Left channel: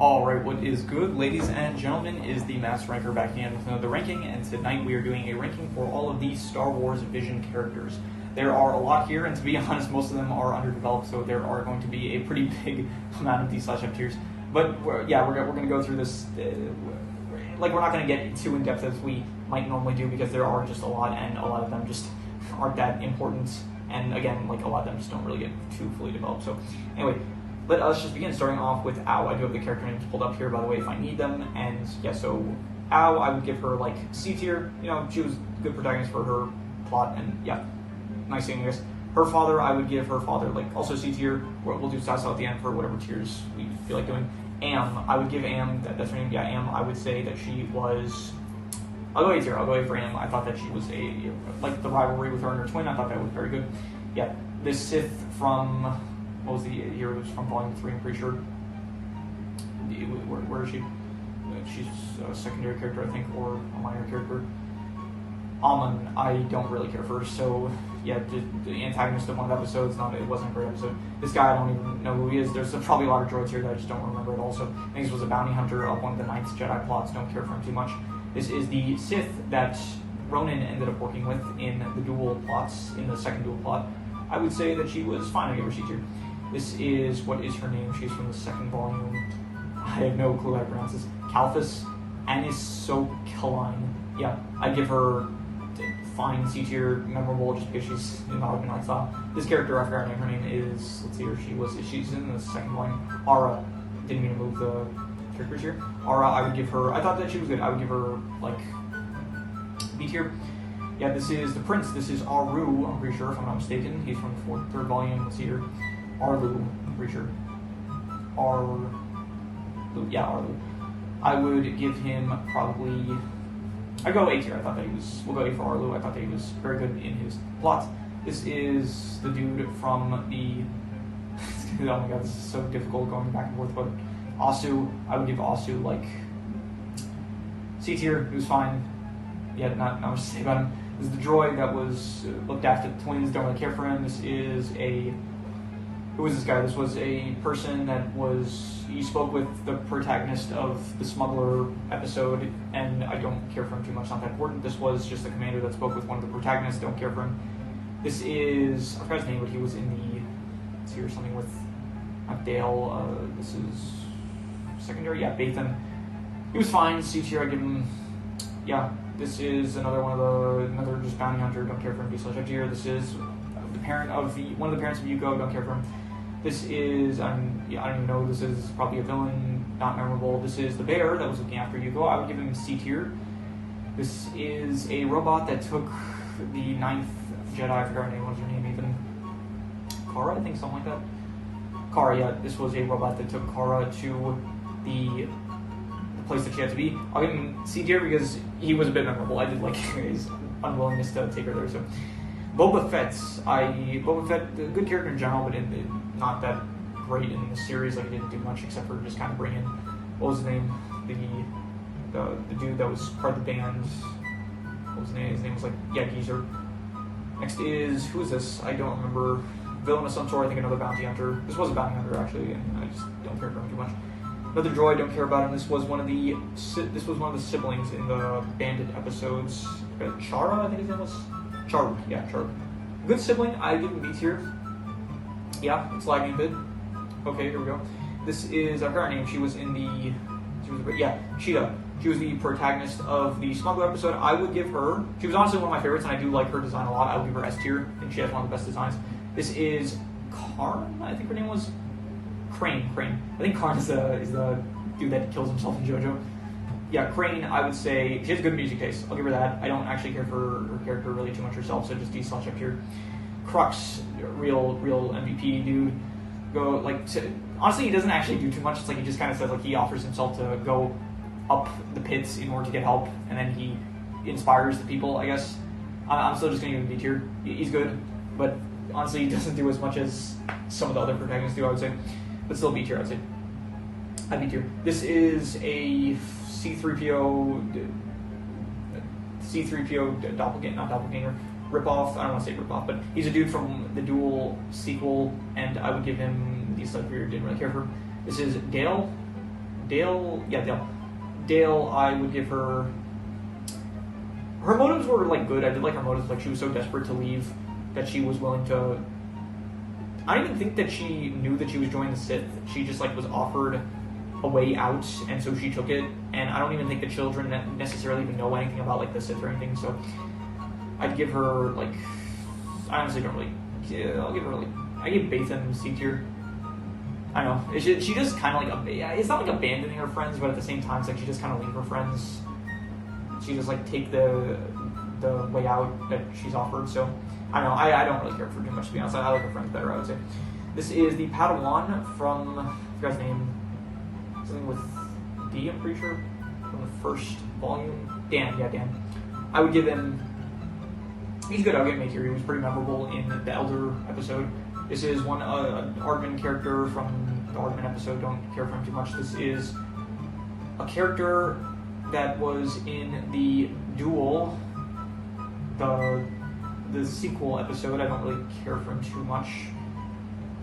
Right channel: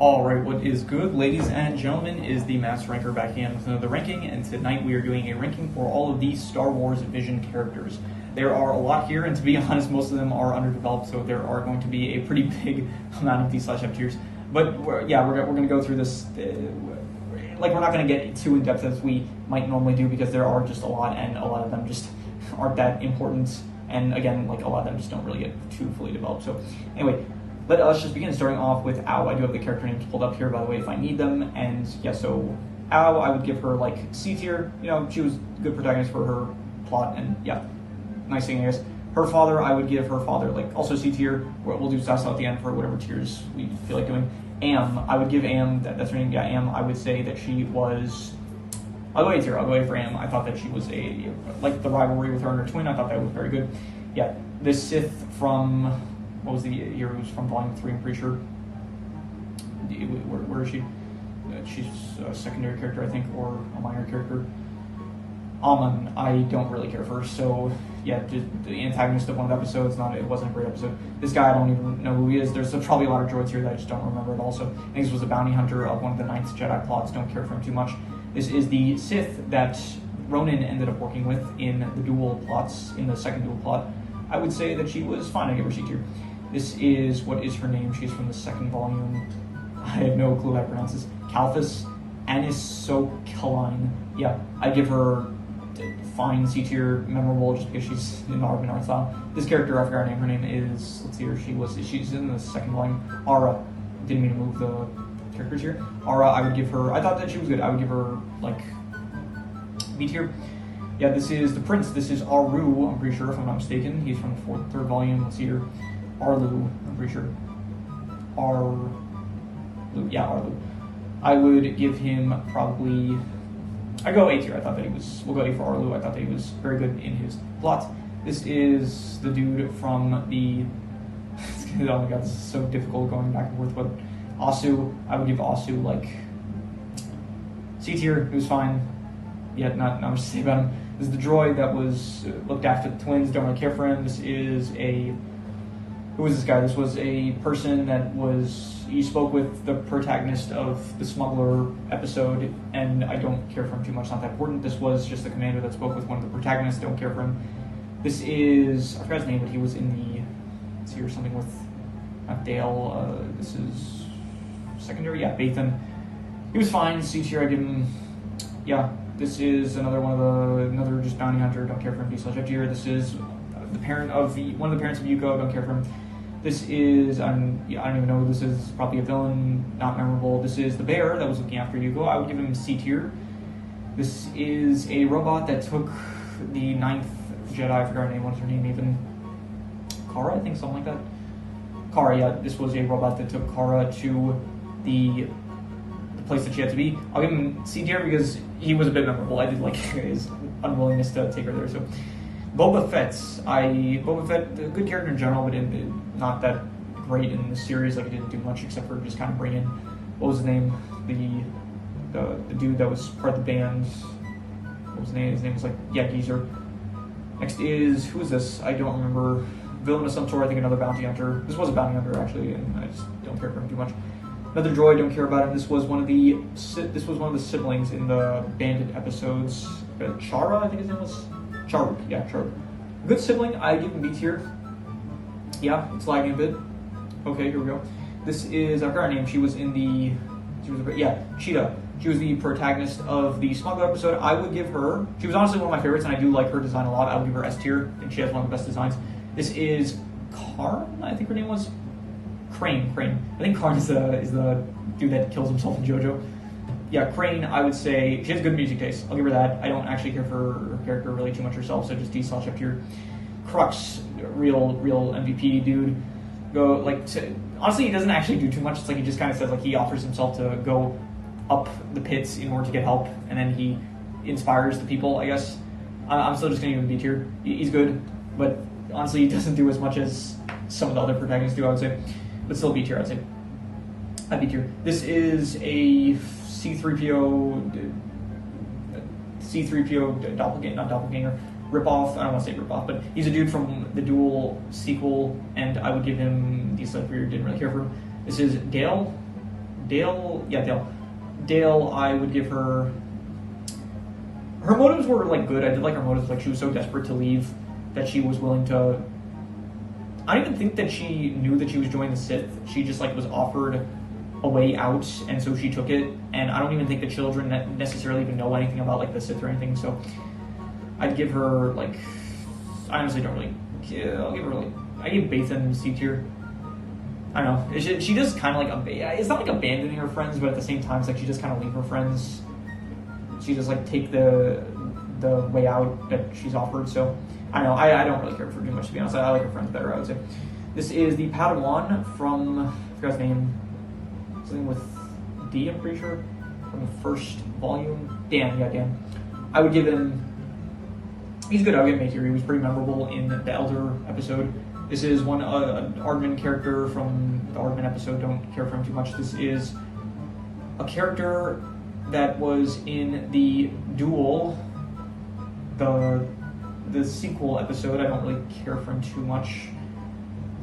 Alright, what is good, ladies and gentlemen, is the Master Ranker back again with another ranking, and tonight we are doing a ranking for all of these Star Wars Vision characters. There are a lot here, and to be honest, most of them are underdeveloped, so there are going to be a pretty big amount of D/F tiers. But we're going to go through this, like, we're not going to get too in-depth as we might normally do, because there are just a lot, and a lot of them just aren't that important, and again, like, a lot of them just don't really get too fully developed. So anyway, let us just begin, starting off with Ao. I do have the character names pulled up here, by the way, if I need them. And yeah, so Ao, I would give her like C tier. You know, she was a good protagonist for her plot, and yeah, nice thing, I guess. Her father, I would give her father like also C tier. We'll do Sasso at the end for whatever tiers we feel like doing. Am, I would give Am, that's her name, yeah, Am, I would say that she was, I'll go A tier, I'll go A for Am. I thought that she was like the rivalry with her and her twin, I thought that was very good. Yeah, this Sith from, what was the year? It was from Volume 3, I'm pretty sure. Where is she? She's a secondary character, I think, or a minor character. Amon, I don't really care for her, so yeah, the antagonist of one of the episodes, it wasn't a great episode. This guy, I don't even know who he is. There's probably a lot of droids here that I just don't remember at all. So I think this was a bounty hunter of one of the Ninth Jedi plots, don't care for him too much. This is the Sith that Ronan ended up working with in the dual plots, in the second dual plot. I would say that she was fine, I give her C tier. This is, what is her name? She's from the second volume. I have no clue how to pronounce this. Kalphas Anisokaline. Yeah, I'd give her fine C tier, memorable, just because she's in the Argonaut style. This character, I forgot her name. Her name is, let's see her, she's in the second volume. Aura. Didn't mean to move the characters here. Aura, I would give her, I thought that she was good. I would give her, like, B tier. Yeah, this is the Prince. This is Aru, I'm pretty sure, if I'm not mistaken. He's from the third volume. Let's see here. Arlu, I'm pretty sure. Arlu, yeah, Arlu. I would give him probably, I go A tier. I thought that he was, we'll go A for Arlu. I thought that he was very good in his plot. This is the dude from the, oh my god, this is so difficult going back and forth, but Asu, I would give Asu like C tier. He was fine. Yeah, not much to say about him. This is the droid that was looked after the twins. Don't really care for him. This is a, who is this guy? This was a person that was, he spoke with the protagonist of the Smuggler episode, and I don't care for him too much, not that important. This was just the commander that spoke with one of the protagonists, don't care for him. This is, I forgot his name, but he was in the, let's see here, something with, not Dale, this is secondary, yeah, Bathan. He was fine, C tier, I give him, yeah. This is another one of the, another just bounty hunter, don't care for him, D/F tier. This is the parent of the, one of the parents of Yuko, don't care for him. This is, I don't even know, this is probably a villain, not memorable. This is the bear that was looking after Yuko. I would give him C tier. This is a robot that took the Ninth Jedi, I forgot her name, what's her name even? Kara, I think, something like that. Kara, yeah, this was a robot that took Kara to the place that she had to be. I'll give him C tier because he was a bit memorable. I did like his unwillingness to take her there, so. Boba Fett, a good character in general, but not that great in the series. Like, it didn't do much except for just kind of bring in, what was his name? The dude that was part of the band. What was his name? His name was like, yeah, Geezer. Next is, who is this? I don't remember. Villain of some sort, I think another bounty hunter. This was a bounty hunter actually, and I just don't care for him too much. Another droid, don't care about him. This was one of the siblings in the Bandit episodes. Chara, I think his name was. Charuk, yeah, Charuk. Good sibling, I give him B tier. Yeah, it's lagging a bit. Okay, here we go. This is, I forgot her name, she was in the, Cheetah. She was the protagonist of the Smuggler episode. I would give her, she was honestly one of my favorites, and I do like her design a lot. I would give her S tier. I think she has one of the best designs. This is Karn, I think her name was? Crane. I think Karn is the dude that kills himself in JoJo. Yeah, Crane, I would say, she has good music taste. I'll give her that. I don't actually care for her character really too much herself, so just D/F tier. Crux, real MVP dude. Go, like, honestly, he doesn't actually do too much. It's like he just kind of says, like, he offers himself to go up the pits in order to get help, and then he inspires the people, I guess. I'm still just going to give him B tier. He's good, but honestly, he doesn't do as much as some of the other protagonists do, I would say. But still B tier, I'd say. B tier. This is a C-3PO doppelganger, not doppelganger, ripoff. I don't want to say ripoff, but he's a dude from the Duel sequel, and I would give him D/F tier. Didn't really care for him. This is Dale Dale, yeah, Dale. Dale, I would give her... Her motives were, like, good. I did like her motives. Like, she was so desperate to leave that she was willing to... I don't even think that she knew that she was joining the Sith. She just, like, was offered a way out, and so she took it. And I don't even think the children necessarily even know anything about, like, the Sith or anything, so... I'd give her, like... I honestly don't really... I'll give her, like... I give Bathan C tier. I don't know. She does kind of, like... It's not, like, abandoning her friends, but at the same time, it's like she just kind of leave her friends. She just, like, take the way out that she's offered, so... I don't know. I don't really care for too much, to be honest. I like her friends better, I would say. This is the Padawan from... I forgot his name. Something with D, I'm pretty sure. From the first volume. Dan, yeah, Dan. I would give him... He's good. I would give him A tier. He was pretty memorable in the Elder episode. This is one an Aardman character from the Aardman episode. Don't care for him too much. This is a character that was in the Duel, the sequel episode. I don't really care for him too much.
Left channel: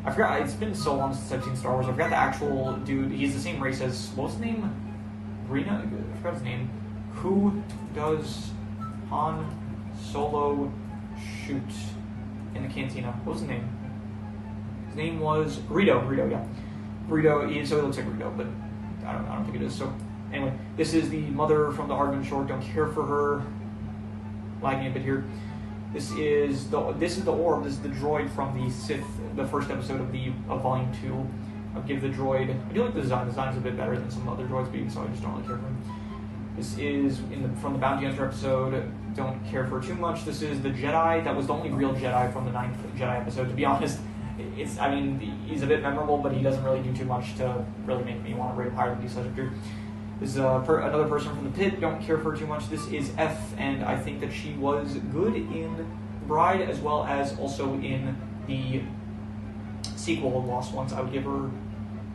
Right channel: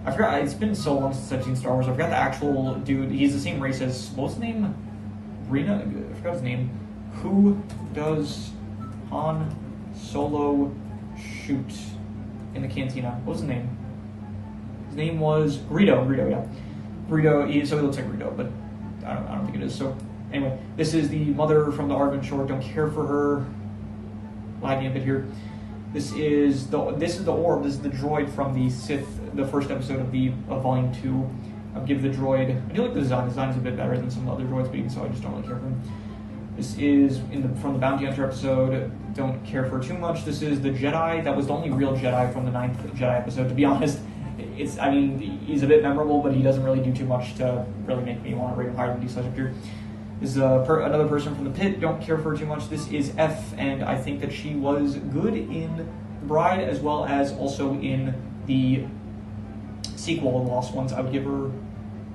I forgot. It's been so long since I've seen Star Wars. I forgot the actual dude. He's the same race as what's his name? Rena. I forgot his name. Who does Han Solo shoot in the cantina? What was his name? His name was Greedo. Greedo, yeah. Greedo. So he looks like Greedo, but I don't think it is. So anyway, this is the mother from the Aardman short. Don't care for her. Lagging a bit here. This is the orb. This is the droid from the Sith, the first episode of Volume 2. I'll give the droid. I do like the design. The design's a bit better than some other droids, but even so, I just don't really care for him. This is from the Bounty Hunter episode. Don't care for too much. This is the Jedi. That was the only real Jedi from the 9th Jedi episode. To be honest, he's a bit memorable, but he doesn't really do too much to really make me want to rate him higher than D tier. This is another person from the pit. Don't care for her too much. This is F, and I think that she was good in The Bride as well as also in the sequel, The Lost Ones. I would give her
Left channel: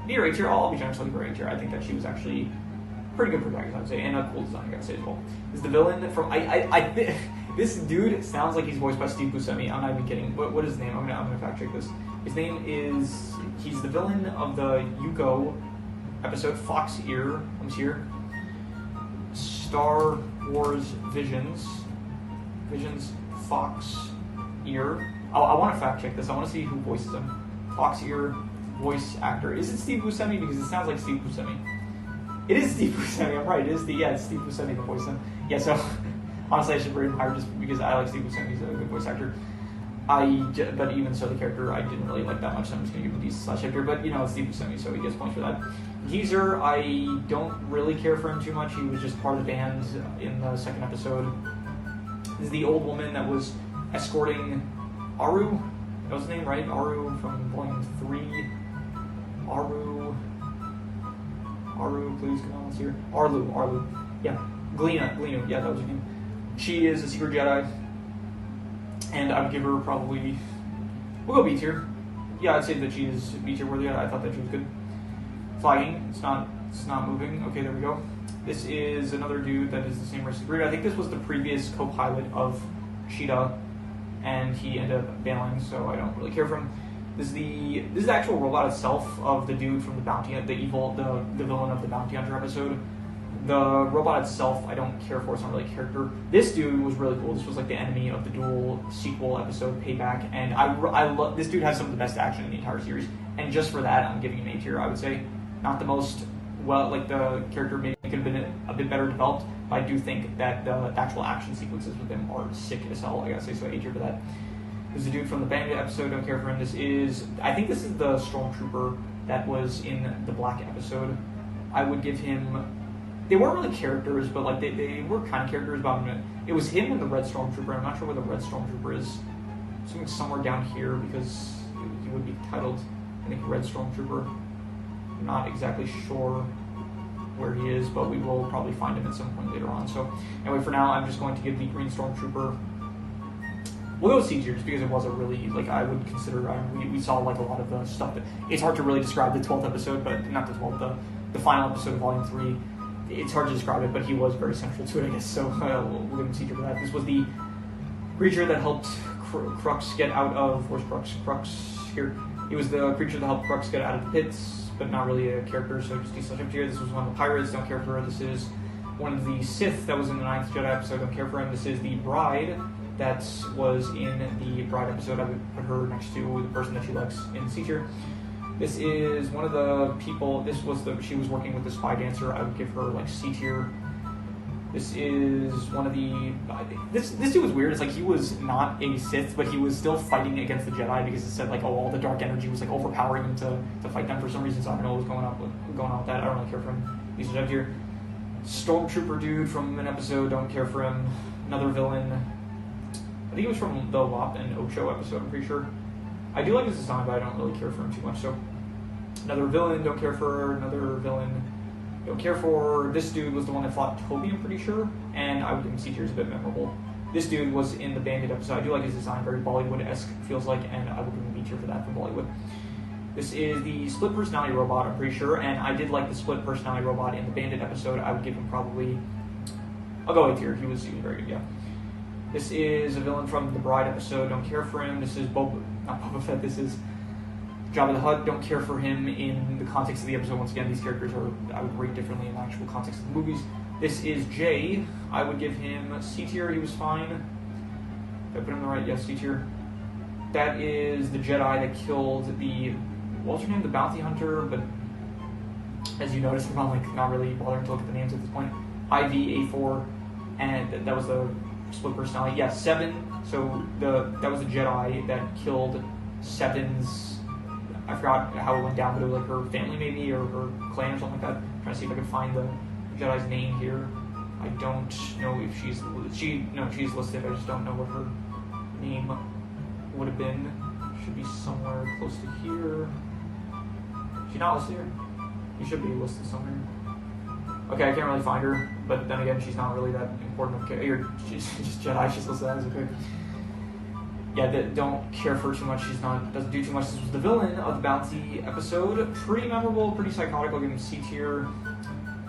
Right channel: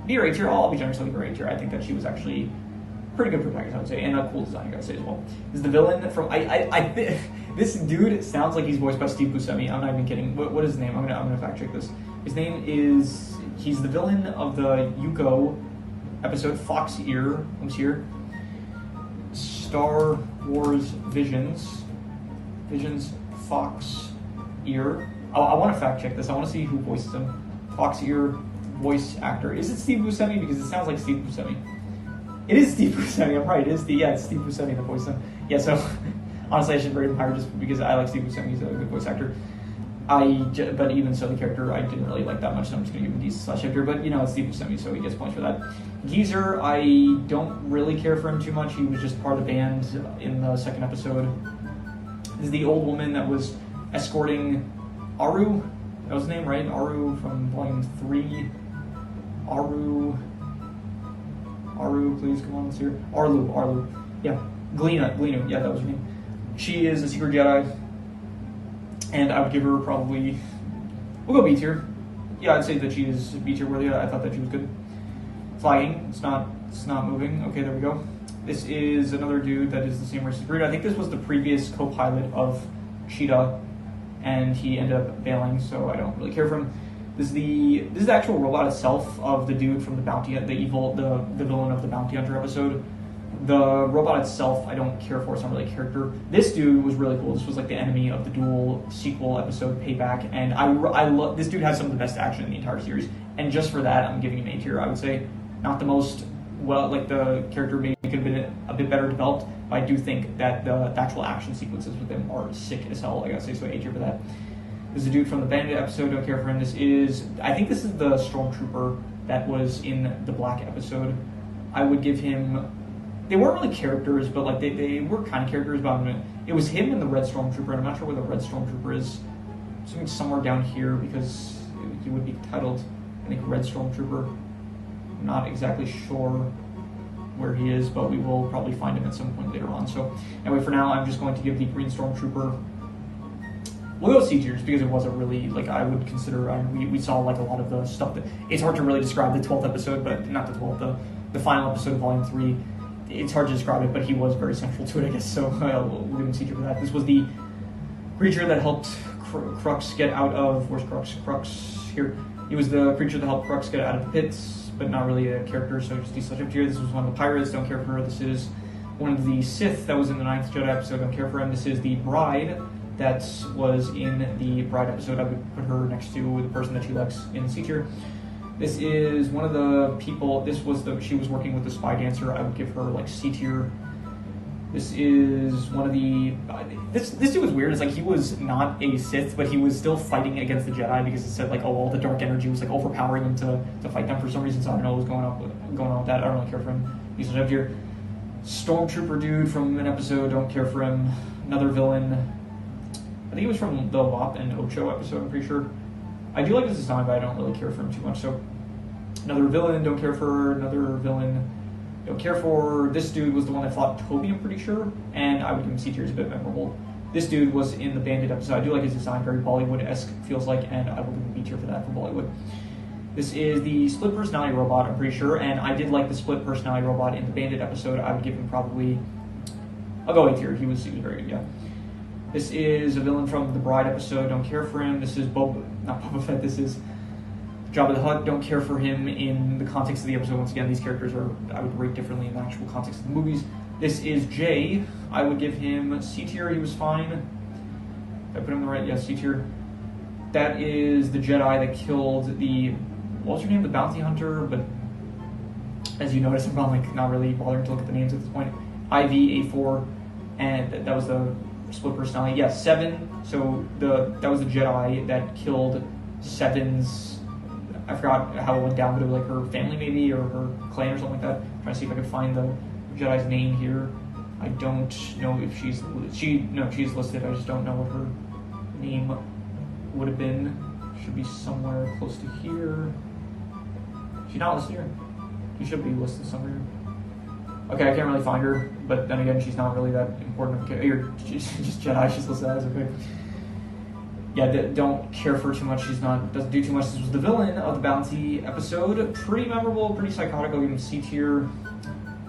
B or A tier. I'll be generous. I'll give her A tier. I think that she was actually pretty good protagonist, I would say, and a cool design, I gotta say as well. This is the villain from this dude sounds like he's voiced by Steve Buscemi. I'm not even kidding. What is his name? I'm gonna fact check this. His name is he's the villain of the Yuko episode Fox Ear. Comes here. Star Wars Visions Fox Ear. I want to fact check this. I want to see who voices him. Fox Ear voice actor. Is it Steve Buscemi? Because it sounds like Steve Buscemi. It is Steve Buscemi. I'm right. It's Steve Buscemi that voiced him. Yeah. So honestly, I should rate him higher just because I like Steve Buscemi. He's a good voice actor. But even so, the character I didn't really like that much, so I'm just gonna give him D/. But it's Steve Buscemi, so he gets points for that. Geezer, I don't really care for him too much. He was just part of the band in the second episode. This is the old woman that was escorting Aru. That was his name, right? Aru from Volume 3. Aru, please come on, let's hear. Arlu. Yeah, Glinu. Yeah, that was her name. She is a secret Jedi. And I would give her probably... We'll go B tier. Yeah, I'd say that she is B tier worthy. I thought that she was good. Flagging. It's not moving. Okay, there we go. This is another dude that is the same race as Greedo. I think this was the previous co-pilot of Cheetah, and he ended up bailing, so I don't really care for him. This is the actual robot itself of the dude from the Bounty, the villain of the Bounty Hunter episode. The robot itself, I don't care for. It's not really a character. This dude was really cool. This was like the enemy of the Duel sequel episode, Payback, and I love this dude. Has some of the best action in the entire series, and just for that, I'm giving him A tier. I would say not the most the character maybe could have been a bit better developed, but I do think that the actual action sequences with him are sick as hell. I gotta say, so A tier for that. This is a dude from the Bandit episode. Don't care for him. I think this is the Stormtrooper that was in the Black episode. I would give him. They weren't really characters, but like they were kind of characters. But it was him and the Red Stormtrooper. And I'm not sure where the Red Stormtrooper is. Somewhere down here because he would be titled, I think, Red Stormtrooper. I'm not exactly sure where he is, but we will probably find him at some point later on. So anyway, for now, I'm just going to give the Green Stormtrooper. We'll go C tier just because it was a really, I would consider, we saw like a lot of the stuff that, it's hard to really describe the 12th episode, but not the 12th, the final episode of Volume 3. It's hard to describe it, but he was very central to it, I guess, so we'll give him C tier for that. This was the creature that helped Crux get out of, where's Crux? Crux, here. He was the creature that helped Crux get out of the pits, but not really a character, so just D/F tier. This was one of the pirates, don't care for her. This is one of the Sith that was in the 9th Jedi episode, don't care for him. This is the bride that was in the bride episode. I would put her next to the person that she likes in C tier. This is one of the people, she was working with the spy dancer. I would give her like C tier. This is one of the, this dude was weird. It's like he was not a Sith, but he was still fighting against the Jedi because it said like, oh, all the dark energy was like overpowering him to fight them for some reason. So I don't know what was going on with that. I don't really care for him. He's up here. Stormtrooper dude from an episode, don't care for him. Another villain. I think he was from the WAP and Ocho episode, I'm pretty sure. I do like his design, but I don't really care for him too much. So another villain, don't care for. Another villain, don't care for. This dude was the one that fought Toby, I'm pretty sure, and I would give him C tier. He's a bit memorable. This dude was in the Bandit episode. I do like his design, very Bollywood-esque feels like, and I will give him B tier for that, for Bollywood. This is the split personality robot, I'm pretty sure, and I did like the split personality robot in the Bandit episode. I would give him probably, I'll go A tier. He was very good, yeah. This is a villain from the Bride episode, don't care for him. This is not Boba Fett, this is Jabba the Hutt, don't care for him in the context of the episode. Once again, these characters I would rate differently in the actual context of the movies. This is Jay. I would give him C tier, he was fine. Did I put him in the right? Yes, C tier. That is the Jedi that killed the, what was her name? The bounty hunter, but as you notice, I'm not really bothering to look at the names at this point. IV-A4, and that was the split personality. Yeah, 7. So that was the Jedi that killed 7's. I forgot how it went down, but it was like her family maybe, or her clan or something like that. I'm trying to see if I can find the Jedi's name here. I don't know if she's listed. I just don't know what her name would have been. Should be somewhere close to here. She's not listed here. She should be listed somewhere. Okay, I can't really find her, but then again, she's not really that important. Okay, she's just Jedi. She's listed as okay. Yeah, don't care for her too much. Doesn't do too much. This was the villain of the Bounty episode. Pretty memorable, pretty psychotic. I'll give him C tier.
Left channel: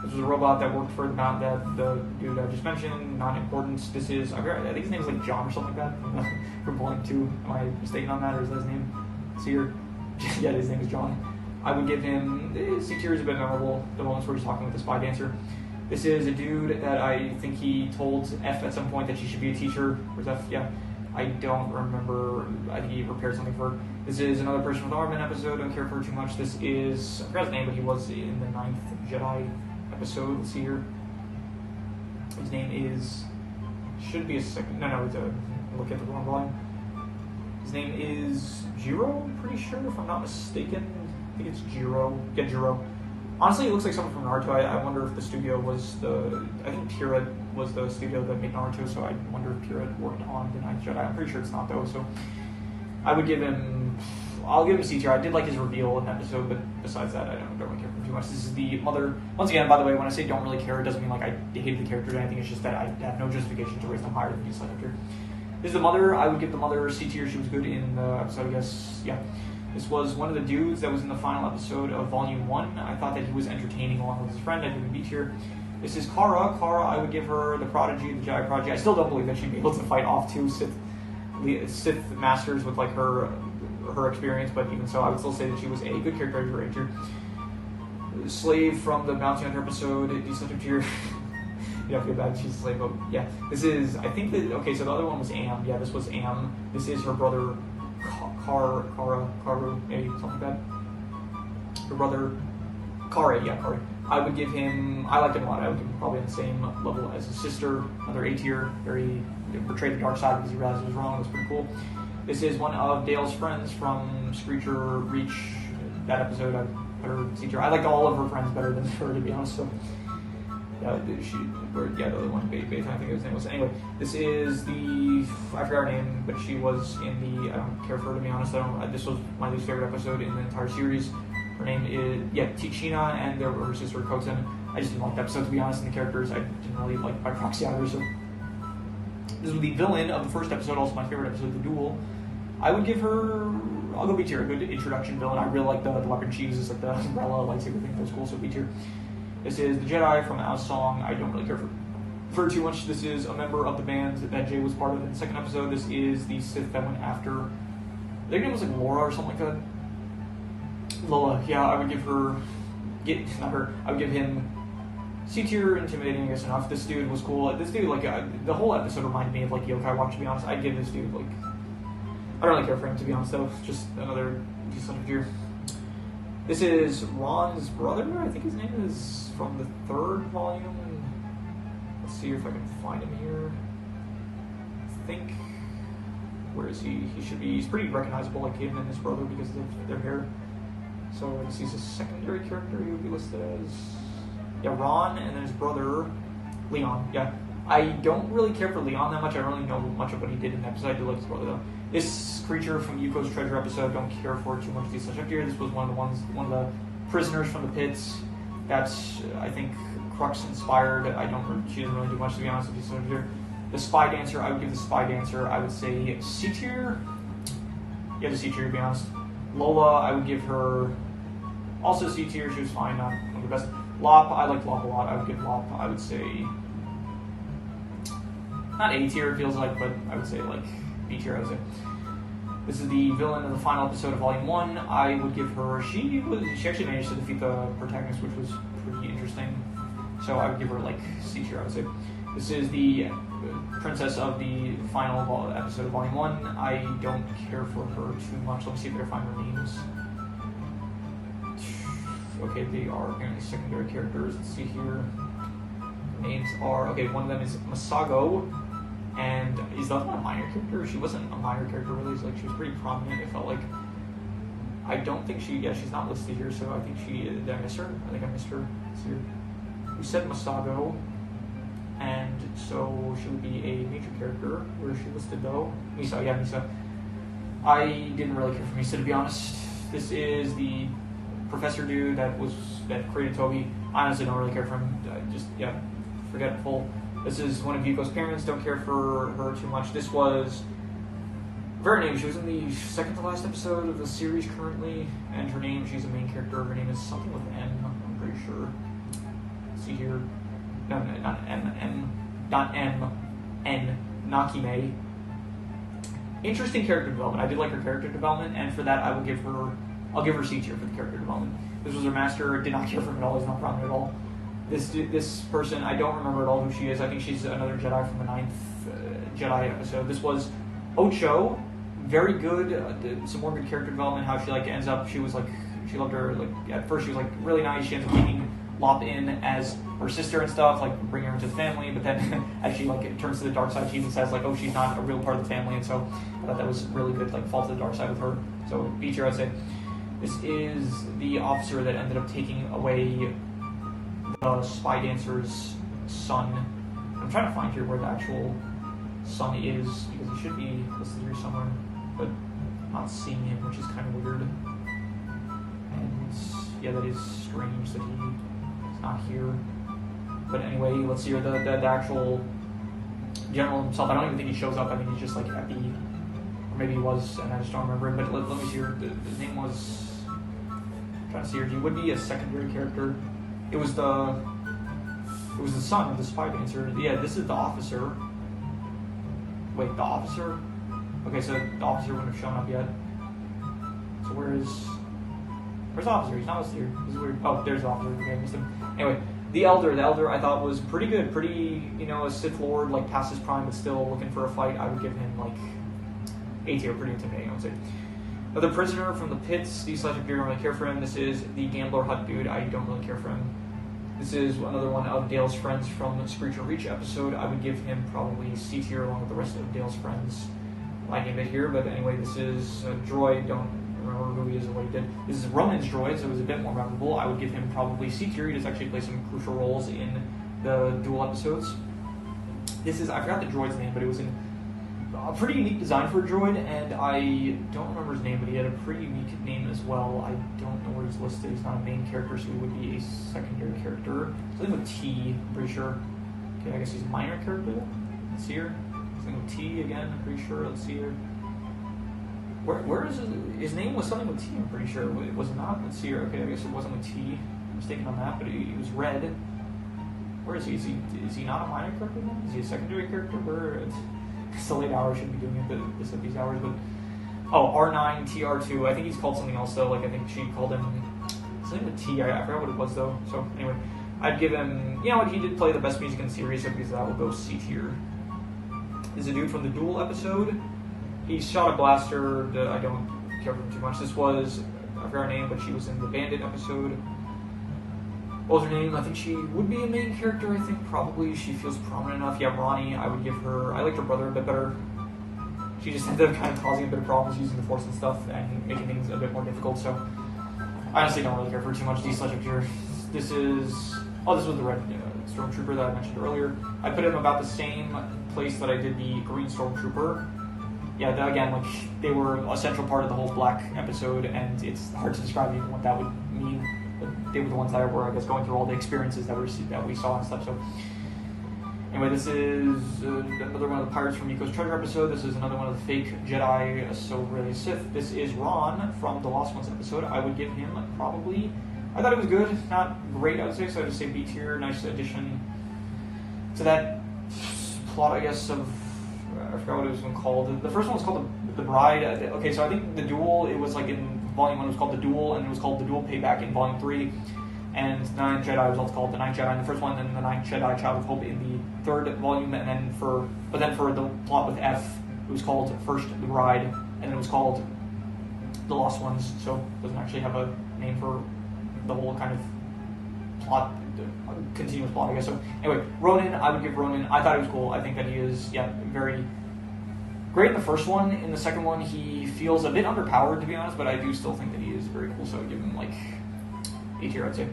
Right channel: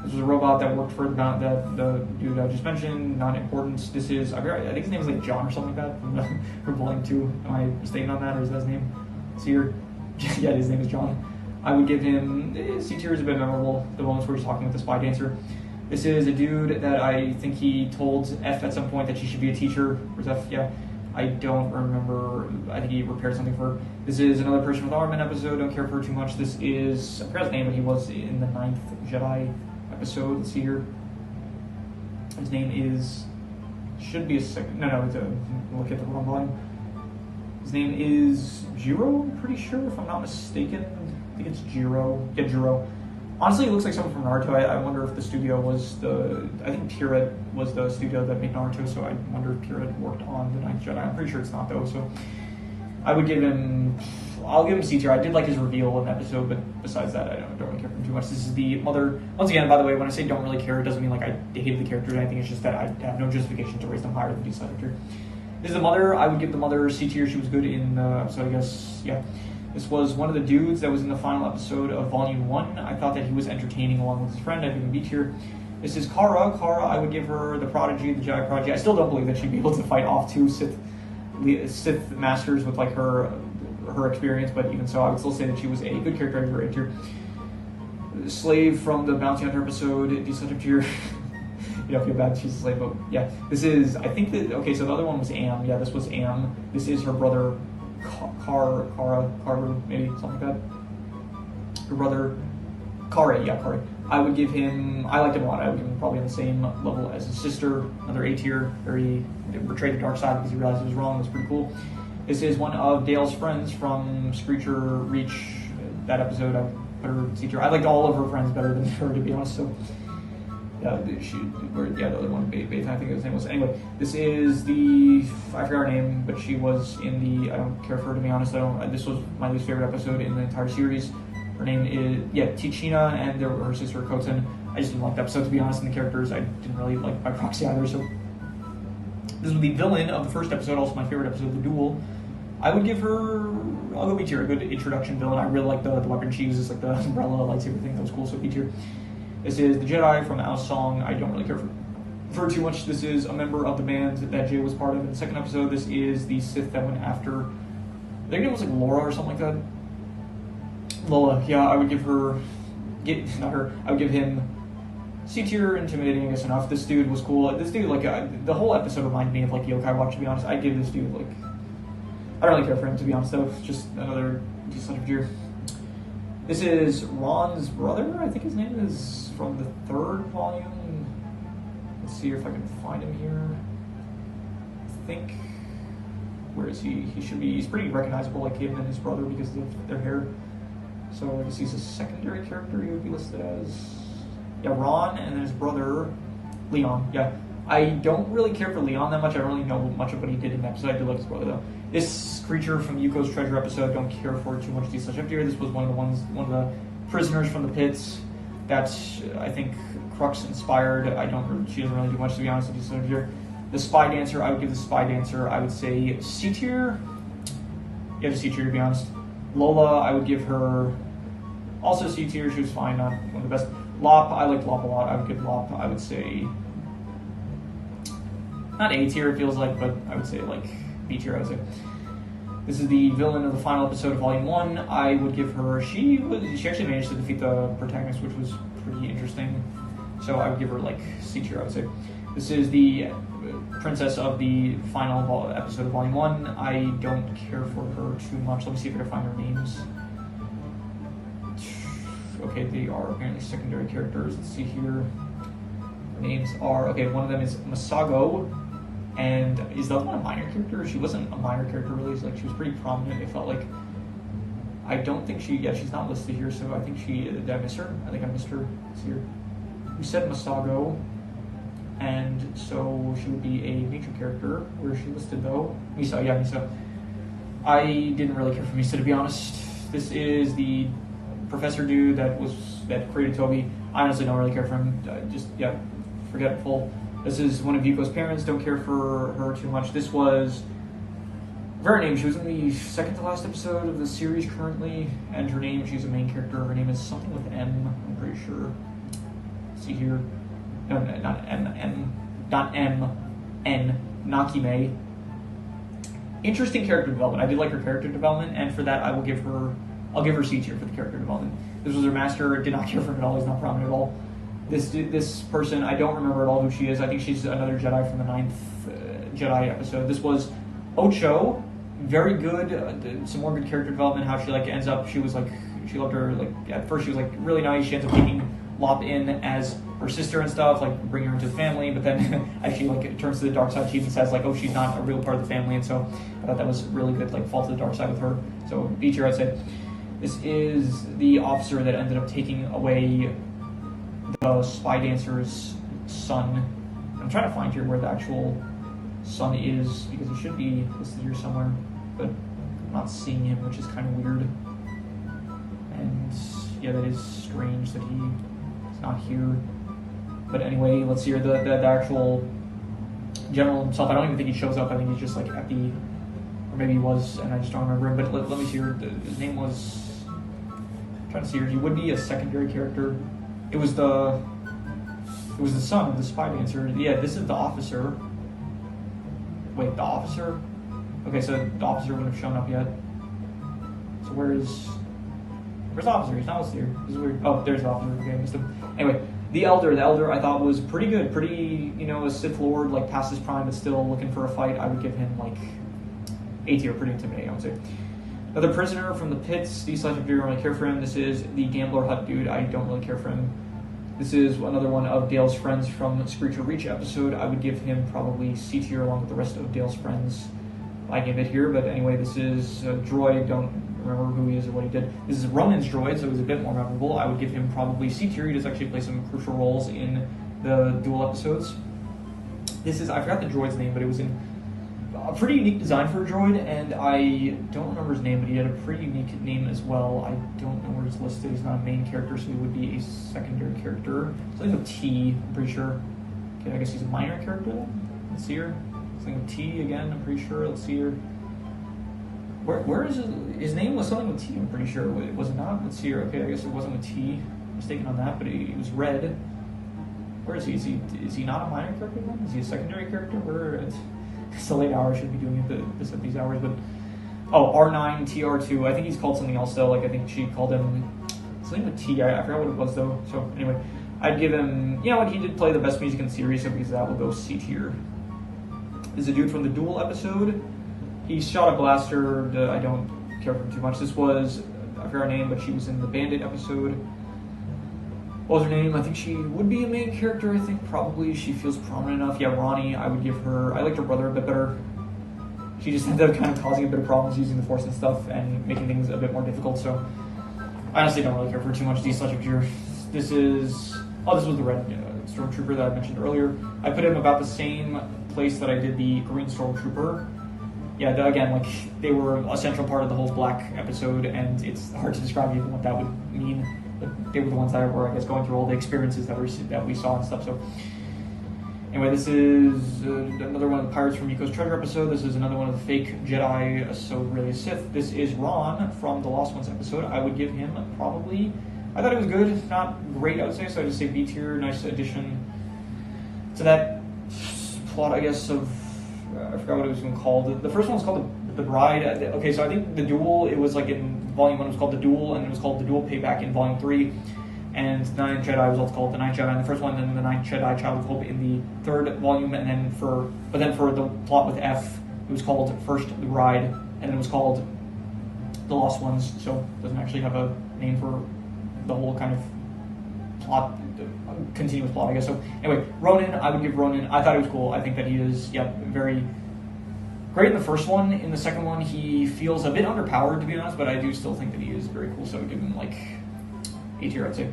This was a robot that worked for the dude I just mentioned. Not important. This is, I think his name is like John or something like that from Bowling 2. Am I mistaken on that, or is that his name? C tier. Yeah, his name is John. I would give him C tier. Is a bit memorable. The moments where he's talking with the spy dancer. This is a dude that I think he told F at some point that she should be a teacher. Where's F? Yeah. I don't remember. I think he repaired something for her. This is another person with armament episode. Don't care for her too much. This is, I forgot his name, but he was in the 9th Jedi episode. Let's see here. His name is, should be a second. No, it's a, look at the wrong volume. His name is Jiro, I'm pretty sure, if I'm not mistaken. I think it's Jiro. Yeah, Jiro. Honestly, it looks like someone from Naruto. I wonder if the studio was I think Pierrot was the studio that made Naruto, so I wonder if Pierrot worked on the 9th Jedi. I'm pretty sure it's not, though, so I'll give him C tier. I did like his reveal in the episode, but besides that, I don't really care for him too much. This is the mother. Once again, by the way, when I say don't really care, it doesn't mean like I hated the character or anything. It's just that I have no justification to rate them higher than D/F tier. This is the mother. I would give the mother C tier. She was good in the episode, I guess. Yeah. This was one of the dudes that was in the final episode of Volume 1. I thought that he was entertaining along with his friend. I'd give him B tier. This is Kara. Kara, I would give her the Prodigy, the Jedi Prodigy. I still don't believe that she'd be able to fight off 2 Sith Masters with like her experience, but even so, I would still say that she was a good character. I'd give her A tier. Slave from the Bounty Hunter episode, D/F tier. You don't feel bad, she's a slave, but yeah. This is, I think that, okay, so the other one was Am. Yeah, this was Am. This is her brother, Karu, maybe, something like that. Her brother, Kare, yeah, Kare. I would give him, I liked him a lot. I would give him probably on the same level as his sister. Another A tier, very, portrayed the dark side because he realized it was wrong. It was pretty cool. This is one of Dale's friends from Screecher Reach. That episode, I put her C tier. I liked all of her friends better than her, to be honest, so. The other one, Beta, I think his name was. Anyway, this is I forgot her name, but she was in the, I don't care for her, to be honest. This was my least favorite episode in the entire series. Her name is, Tichina, and her sister, Koten. I just didn't like the episode, to be honest, and the characters I didn't really like by proxy either, so. This was the villain of the first episode, also my favorite episode, The Duel. I would give her, I'll go B tier, a good introduction villain. I really like the weapon she uses, like the umbrella, lightsaber thing, that was cool, so B tier. This is the Jedi from Ao's Song. I don't really care for too much. This is a member of the band that Jay was part of in the second episode. This is the Sith that went after, I think it was like Laura or something like that. Lola, yeah, I would give her, not her, I would give him C tier, intimidating, I guess enough. This dude was cool. This dude, like, the whole episode reminded me of, like, Yokai Watch, to be honest. I'd give this dude, like, I don't really care for him, to be honest, though. Just another decent tier. This is Ron's brother, I think his name is, from the 3rd volume. Let's see if I can find him here. I think, where is he? He should be, he's pretty recognizable, like him and his brother, because of their hair. So I guess he's a secondary character he would be listed as. Yeah, Ron, and then his brother, Leon. Yeah, I don't really care for Leon that much. I don't really know much of what he did in the episode. I do like his brother, though. This creature from Yuko's Treasure episode, don't care for too much. These such up here. This was one of the prisoners from the pits that I think Crux inspired. She doesn't really do much, to be honest with you. So here, the Spy Dancer, I would give the Spy Dancer, I would say C tier. Yeah, just C tier, to be honest. Lola, I would give her also C tier. She was fine, not one of the best. Lop, I liked Lop a lot. I would give Lop, I would say, not A tier, it feels like, but I would say like B tier, I would say. This is the villain of the final episode of Volume 1. I would give her, she actually managed to defeat the protagonist, which was pretty interesting. So I would give her like C tier, I would say. This is the princess of the final episode of Volume 1. I don't care for her too much. Let me see if I can find her names. Okay, they are apparently secondary characters. Let's see here. Names are, okay, one of them is Masago, and is the other one a minor character? She wasn't a minor character really, like she was pretty prominent, it felt like. I don't think she's not listed here, so I think did I miss her? I think I missed her. Let's see here. We said Masago, and so she would be a major character. Where is she listed though? Misa, yeah, Misa. I didn't really care for Misa, to be honest. This is the professor dude that created Toby. I honestly don't really care for him. Forgetful. This is one of Yuko's parents. Don't care for her too much. This was her name. She was in the second to last episode of the series currently, and her name, she's a main character. Her name is something with M. I'm pretty sure. Let's see here. No, not M. Not M. N. Nakime. Interesting character development. I did like her character development, and for that, I'll give her C tier for the character development. This was her master. Did not care for him at all. He's not prominent at all. This person, I don't remember at all who she is. I think she's another Jedi from the 9th Jedi episode. This was Ocho. Very good. Some more good character development. How she ends up. She loved her. At first she was really nice. She ends up taking Lop in as her sister and stuff. Bring her into the family. But then as she turns to the dark side, she even says oh, she's not a real part of the family. And so I thought that was really good. Fall to the dark side with her. So B tier, I'd say. This is the officer that ended up taking away the Spy Dancer's son. I'm trying to find here where the actual son is, because he should be listed here somewhere, but I'm not seeing him, which is kind of weird. And yeah, that is strange that he's not here. But anyway, let's see here, the actual general himself. I don't even think he shows up. I think he's just Epi, or maybe he was, and I just don't remember him. But let me see here. His name was, I'm trying to see here. He would be a secondary character. It was the son of the Spy Dancer. Yeah, this is the officer. Wait, the officer? Okay, so the officer wouldn't have shown up yet. So where's the officer? He's not listed here. This is weird. Oh, there's the officer. Okay, I missed him. Anyway, the elder I thought was pretty good. Pretty, a Sith Lord, past his prime, but still looking for a fight. I would give him A tier, pretty intimidating, I would say. Another prisoner from the pits. These slash don't really care for him. This is the Gambler Hut dude. I don't really care for him. This is another one of Dale's friends from the Screech of Reach episode. I would give him probably C tier along with the rest of Dale's friends. I give it here, but anyway, this is a droid. Don't remember who he is or what he did. This is Roman's droid, so it was a bit more memorable. I would give him probably C tier. He does actually play some crucial roles in the dual episodes. This is, I forgot the droid's name, but it was in a pretty unique design for a droid, and I don't remember his name, but he had a pretty unique name as well. I don't know where he's listed. He's not a main character, so he would be a secondary character. Something with T, I'm pretty sure. Okay, I guess he's a minor character then? Let's see here. Something with T again, I'm pretty sure. Let's see here. Where is his name was something with T, I'm pretty sure. Was it not? Let's see here. Okay, I guess it wasn't with T. I'm mistaken on that, but he was red. Where is he? Is he not a minor character then? Is he a secondary character? It's a late hour, I shouldn't be doing this at these hours, but Oh, R9, TR2. I think he's called something else though. Like I think she called him something with T. I forgot what it was though. So anyway, I'd give him. You know what? He did play the best music in the series, so because that will go C tier. Is a dude from the Duel episode. He shot a blaster. I don't care for him too much. This was, I forgot her name, but she was in the Bandit episode. What was her name? I think she would be a main character, I think, probably. She feels prominent enough. Yeah, Ronnie, I would give her... I liked her brother a bit better. She just ended up kind of causing a bit of problems using the Force and stuff and making things a bit more difficult, so... I honestly don't really care for too much D-Sledge up here. This is... Oh, this was the red Stormtrooper that I mentioned earlier. I put him about the same place that I did the green Stormtrooper. Yeah, again, like, they were a central part of the whole Black episode, and it's hard to describe even what that would mean. But they were the ones that were, I guess, going through all the experiences that we saw and stuff. So, anyway, this is another one of the Pirates from Miko's Treasure episode. This is another one of the fake Jedi, so really a Sith. This is Ron from the Lost Ones episode. I would give him probably... I thought it was good, not great, I would say, so I'd just say B tier. Nice addition to that plot, I guess, of... I forgot what it was even called. The first one was called the Bride. Okay, so I think the Duel, it was like in Volume 1 it was called the Duel, and it was called the Duel Payback in Volume 3. And The Ninth Jedi was also called The Ninth Jedi in the first one, and then The Ninth Jedi Child of Hope in the third volume, and then for the plot with F, it was called first The Bride, and then it was called The Lost Ones, so it doesn't actually have a name for the whole kind of plot, continuous plot, I guess. So anyway, Ronan, I would give Ronan, I thought he was cool. I think that he is, very great in the first one. In the second one, he feels a bit underpowered, to be honest, but I do still think that he is very cool, so I would give him like A tier, I'd say.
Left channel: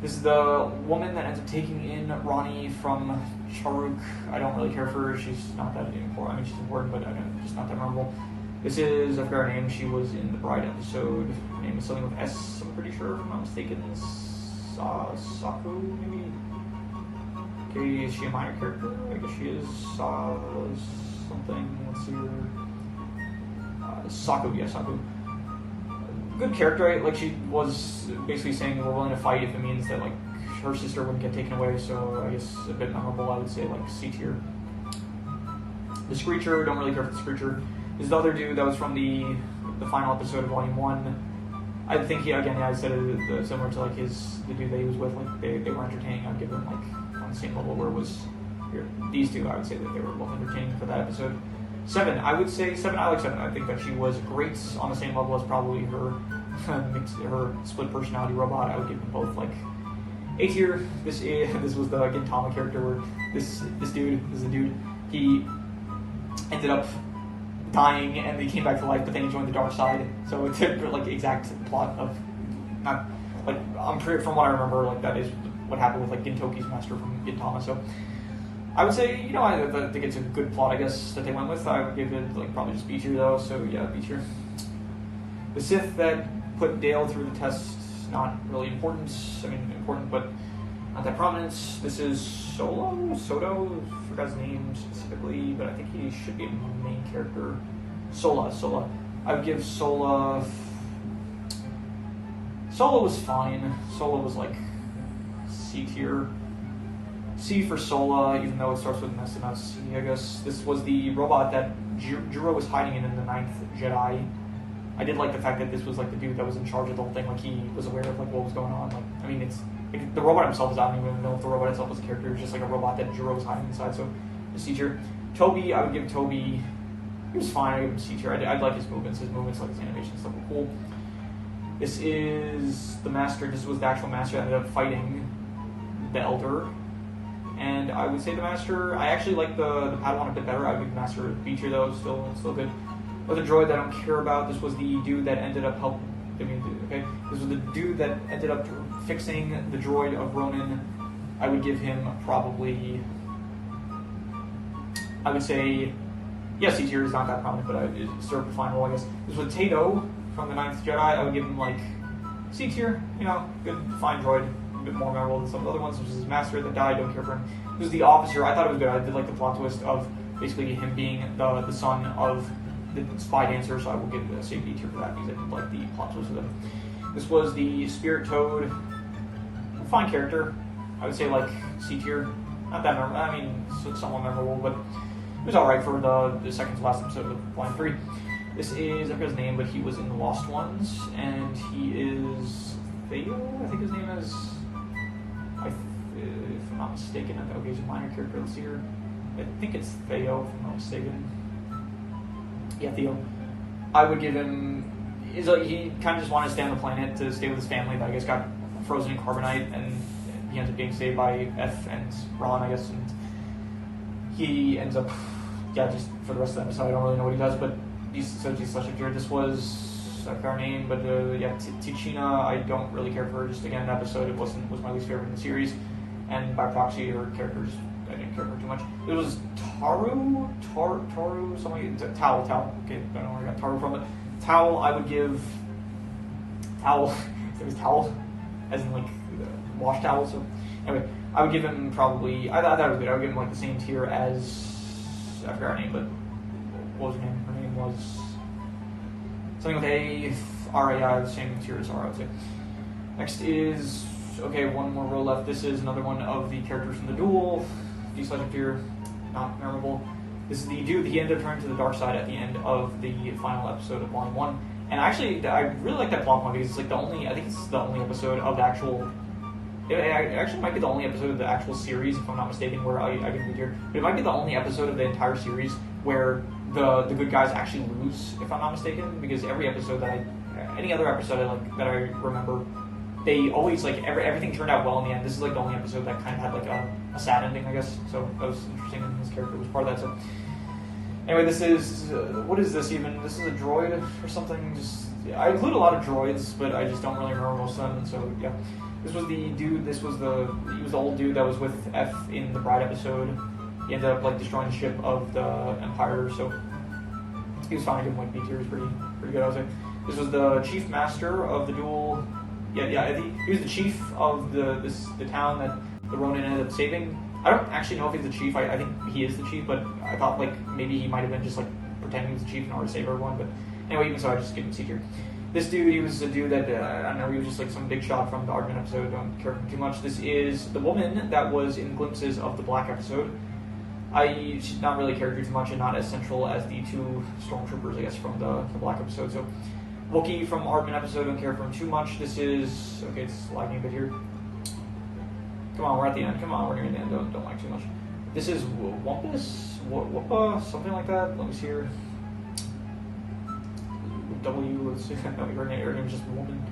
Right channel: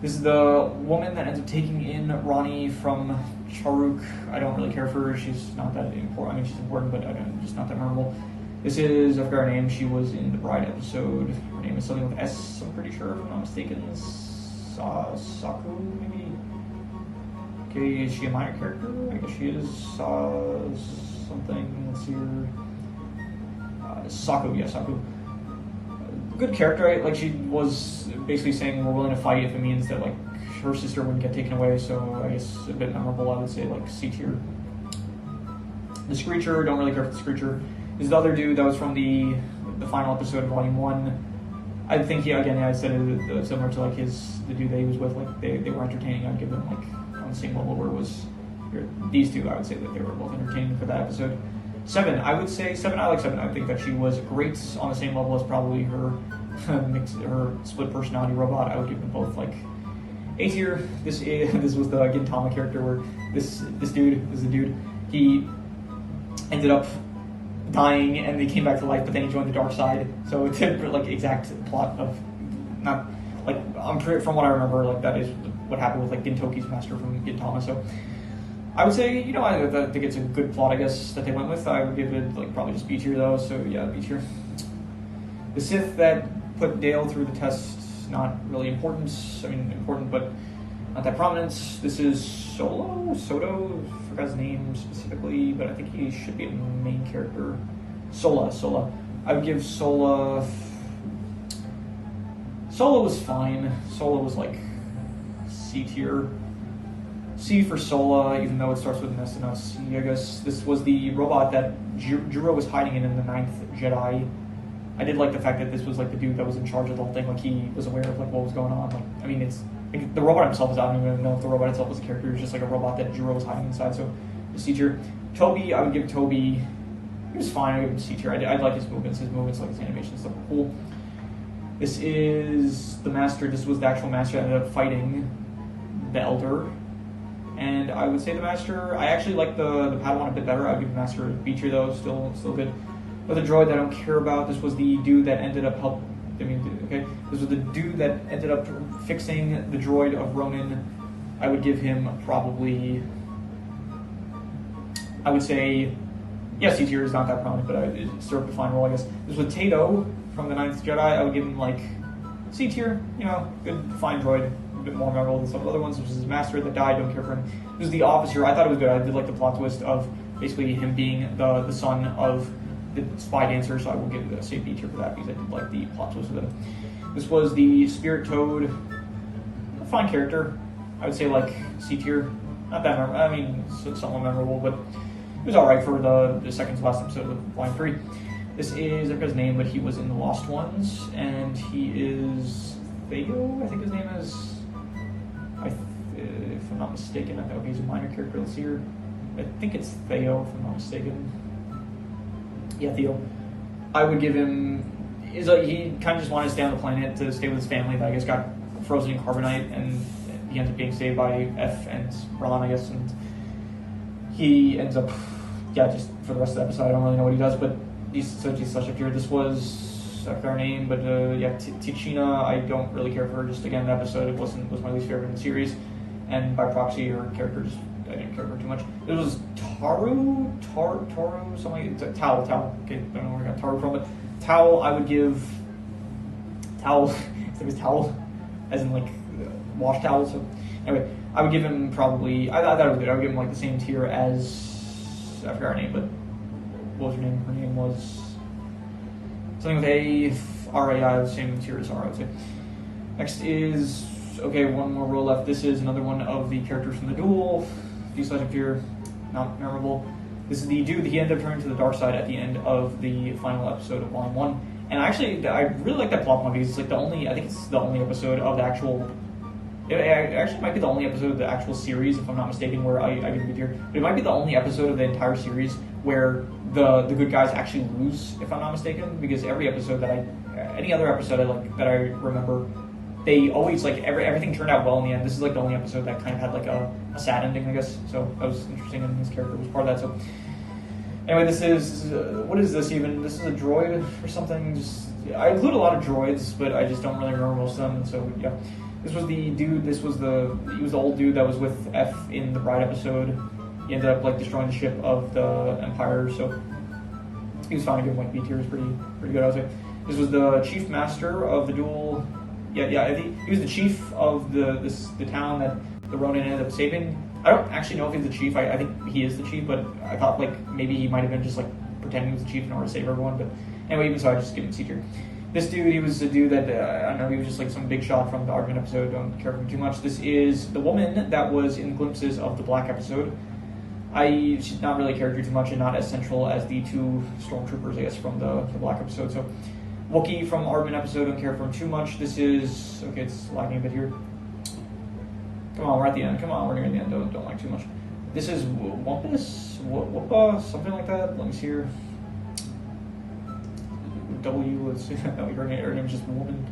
This is the woman that ends up taking in Ronnie from Charuk. I don't really care for her. She's not that important. I mean, she's important, but just not that memorable. This is, I forgot her name. She was in the Bride episode. Her name is something with S, I'm pretty sure, if I'm not mistaken. Saku, maybe? Okay, is she a minor character? I guess she is. Something, let's see her. Saku, yeah, Saku. Good character, right? Like, she was basically saying we're willing to fight if it means that, like, her sister wouldn't get taken away, so I guess a bit memorable, I would say, like, C tier. The Screecher, don't really care for the Screecher. This is the other dude that was from the final episode of Volume 1. I think he, again, I said it similar to, like, the dude that he was with, like, they were entertaining. I'd give them, like, on the same level where it was these two. I would say that they were both entertaining for that episode. 7, I would say 7. I like 7. I think that she was great, on the same level as probably her her split personality robot. I would give them both like A tier. This was the Gintama character where this dude is a dude. He ended up dying and he came back to life, but then he joined the dark side. So it's a like exact plot of not like from what I remember, like that is what happened with like Gintoki's master from Gintama. So I would say, you know, I think it's a good plot, I guess, that they went with. I would give it, like, probably just B tier, though, so yeah, B tier. The Sith that put Dale through the test, not really important. I mean, important, but not that prominent. This is Soto, forgot his name specifically, but I think he should be a main character. Sola. I would give Sola was fine. Sola was, like, C tier. C for Sola, even though it starts with an S and not C, I guess. This was the robot that Juro was hiding in the Ninth Jedi. I did like the fact that this was like the dude that was in charge of the whole thing, like he was aware of like what was going on. Like, I mean, it's like, the robot himself I don't even know if the robot itself was a character. It was just like a robot that Juro was hiding inside. So, the C tier. Toby, I would give Toby. He was fine. I would give him C tier. I like his movements. Like his animation and stuff were cool. This is the master. This was the actual master that ended up fighting the Elder. And I would say the Master, I actually like the Padawan a bit better. I would give the Master a B tier though, still good. But the droid that I don't care about, this was the dude that ended up this was the dude that ended up fixing the droid of Ronan. I would give him probably, I would say, yes, C tier is not that prominent, but it served a fine role, I guess. This was Tato from the Ninth Jedi. I would give him like C tier, you know, good, fine droid. A bit more memorable than some of the other ones, which is his master that died, don't care for him. This is the officer. I thought it was good. I did like the plot twist of basically him being the son of the spy dancer, so I will give it a safe B tier for that because I did like the plot twist with him. This was the Spirit Toad. Fine character. I would say like C tier. Not that memorable. I mean, somewhat memorable, but it was alright for the second to last episode of Volume 3. This is, I forget his name, but he was in The Lost Ones, and he is Theo, I think his name is. If I'm not mistaken, okay, he's a minor character. Let's see here. I think it's Theo, if I'm not mistaken. Yeah, Theo. I would give him. He kind of just wanted to stay on the planet to stay with his family, but I guess got frozen in carbonite, and he ends up being saved by F and Ron, I guess, and he ends up, just for the rest of the episode, I don't really know what he does, but he's such a here. This was, I forgot her name, but Tichina, I don't really care for her. Just again, an episode, was my least favorite in the series, and by proxy, her character just, I didn't care for her too much. It was Taru, something, Tao, okay, I don't know where I got Taru from, but Tao, I would give, Towel, it was towel, as in like, wash towel, so, anyway, I would give him probably, I thought it was good, I would give him like the same tier as, I forgot her name, but what was her name? Her name was something with R-A-I, the same tier as R, I would say. Next is, okay, one more row left. This is another one of the characters from the duel. D/F tier, not memorable. This is the dude, he ended up turning to the dark side at the end of the final episode of Volume 1. And actually, I really like that plot point because it's like I think it's the only episode of the actual, it actually might be the only episode of the actual series, if I'm not mistaken, where I get the here. But it might be the only episode of the entire series where the good guys actually lose, if I'm not mistaken, because every episode any other episode that I remember, they always, like, everything turned out well in the end. This is like the only episode that kind of had like a sad ending, I guess. So that was interesting, and his character was part of that. So anyway, this is, what is this even? This is a droid or something. I include a lot of droids, but I just don't really remember most of them, and so yeah. This was the dude, he was the old dude that was with F in the Bride episode. He ended up like destroying the ship of the Empire, so he was fine. I give him like B tier, was pretty good, I would say. This was the chief master of the duel. I think he was the chief of the town that the Ronin ended up saving. I don't actually know if he's the chief. I think he is the chief, but I thought like maybe he might have been just like pretending he was the chief in order to save everyone. But anyway, even so, I just give him C tier. This dude, he was a dude that, I don't know, he was just like some big shot from the Argument episode, don't care for him too much. This is the woman that was in glimpses of the Black episode. She's not really a character too much and not as central as the two stormtroopers, I guess, from the Black episode. So, Wookiee from Argument episode, don't care for him too much. This is, okay, it's lagging a bit here. Come on, we're at the end. Come on, we're near the end, don't like too much. This is Wumpus? Whoopa? Something like that? Let me see here. W, let's see, no, her name is just woman.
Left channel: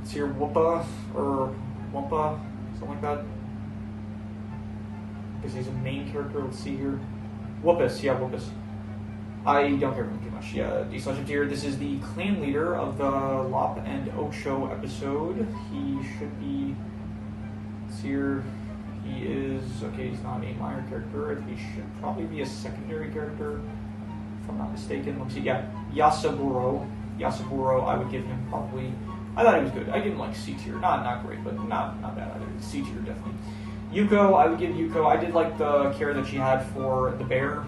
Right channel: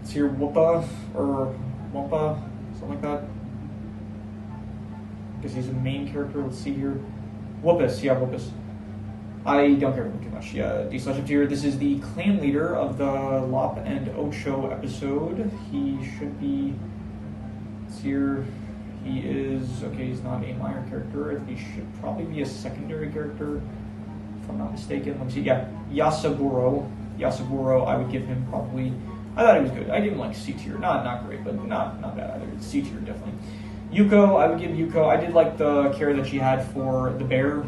Let's hear Whoopa or Wumpa, something like that. Because he's a main character. Let's see here. Whoopus, yeah, Whoopus. I don't care for him too much. Yeah, D/F tier. This is the clan leader of the Lop and Ocho episode. He should be. Let's see here. He is, okay, he's not a minor character. I think he should probably be a secondary character, if I'm not mistaken. Let me see. Yeah, Yasaburo, I would give him probably, I thought he was good. I give him like C tier. Not great, but not bad either. C tier, definitely. Yuko, I would give Yuko, I did like the care that she had for the bear,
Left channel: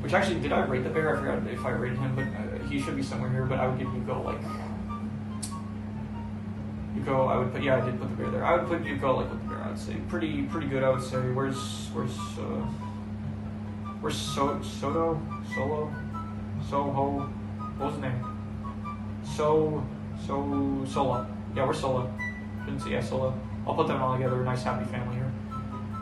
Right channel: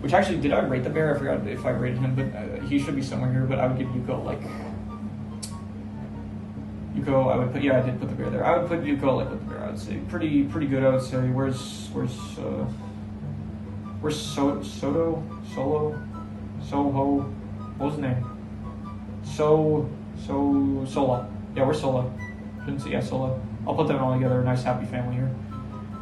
which actually, did I rate the bear? I forgot if I rated him, but he should be somewhere here, but I would give Yuko like, I would put, I did put the bear there. I would put Yuko like with the bear, I would say. Pretty good, I would say. Where's Soho? What was his name? Sola. Yeah, where's Sola? Shouldn't say, yeah, Sola. I'll put them all together, nice happy family here.